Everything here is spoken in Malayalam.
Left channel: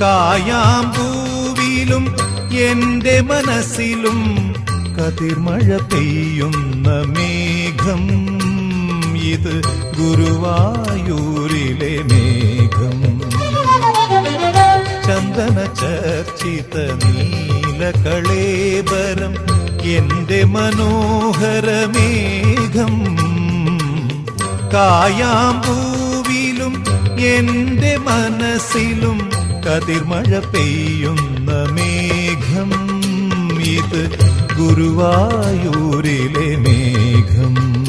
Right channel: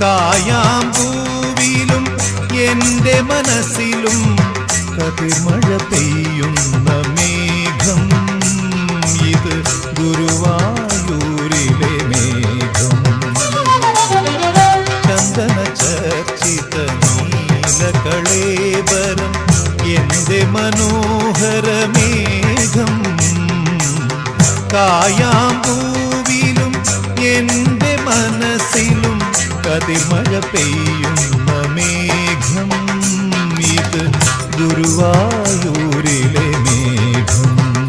കായാമ്പൂവിലും എന്റെ മനസ്സിലും കതിർമഴ പെയ്യുന്ന മേഘം. ഇത് ഗുരുവായൂരിലെ മേഘം. ചന്ദന ചർച്ചിത നീലകളേബരം എന്റെ മനോഹരമേഘം. കായാമ്പൂവിലും എന്റെ മനസ്സിലും കതിർമഴ പെയ്യുന്ന മേഘം. ഇത് ഗുരുവായൂരിലെ മേഘം.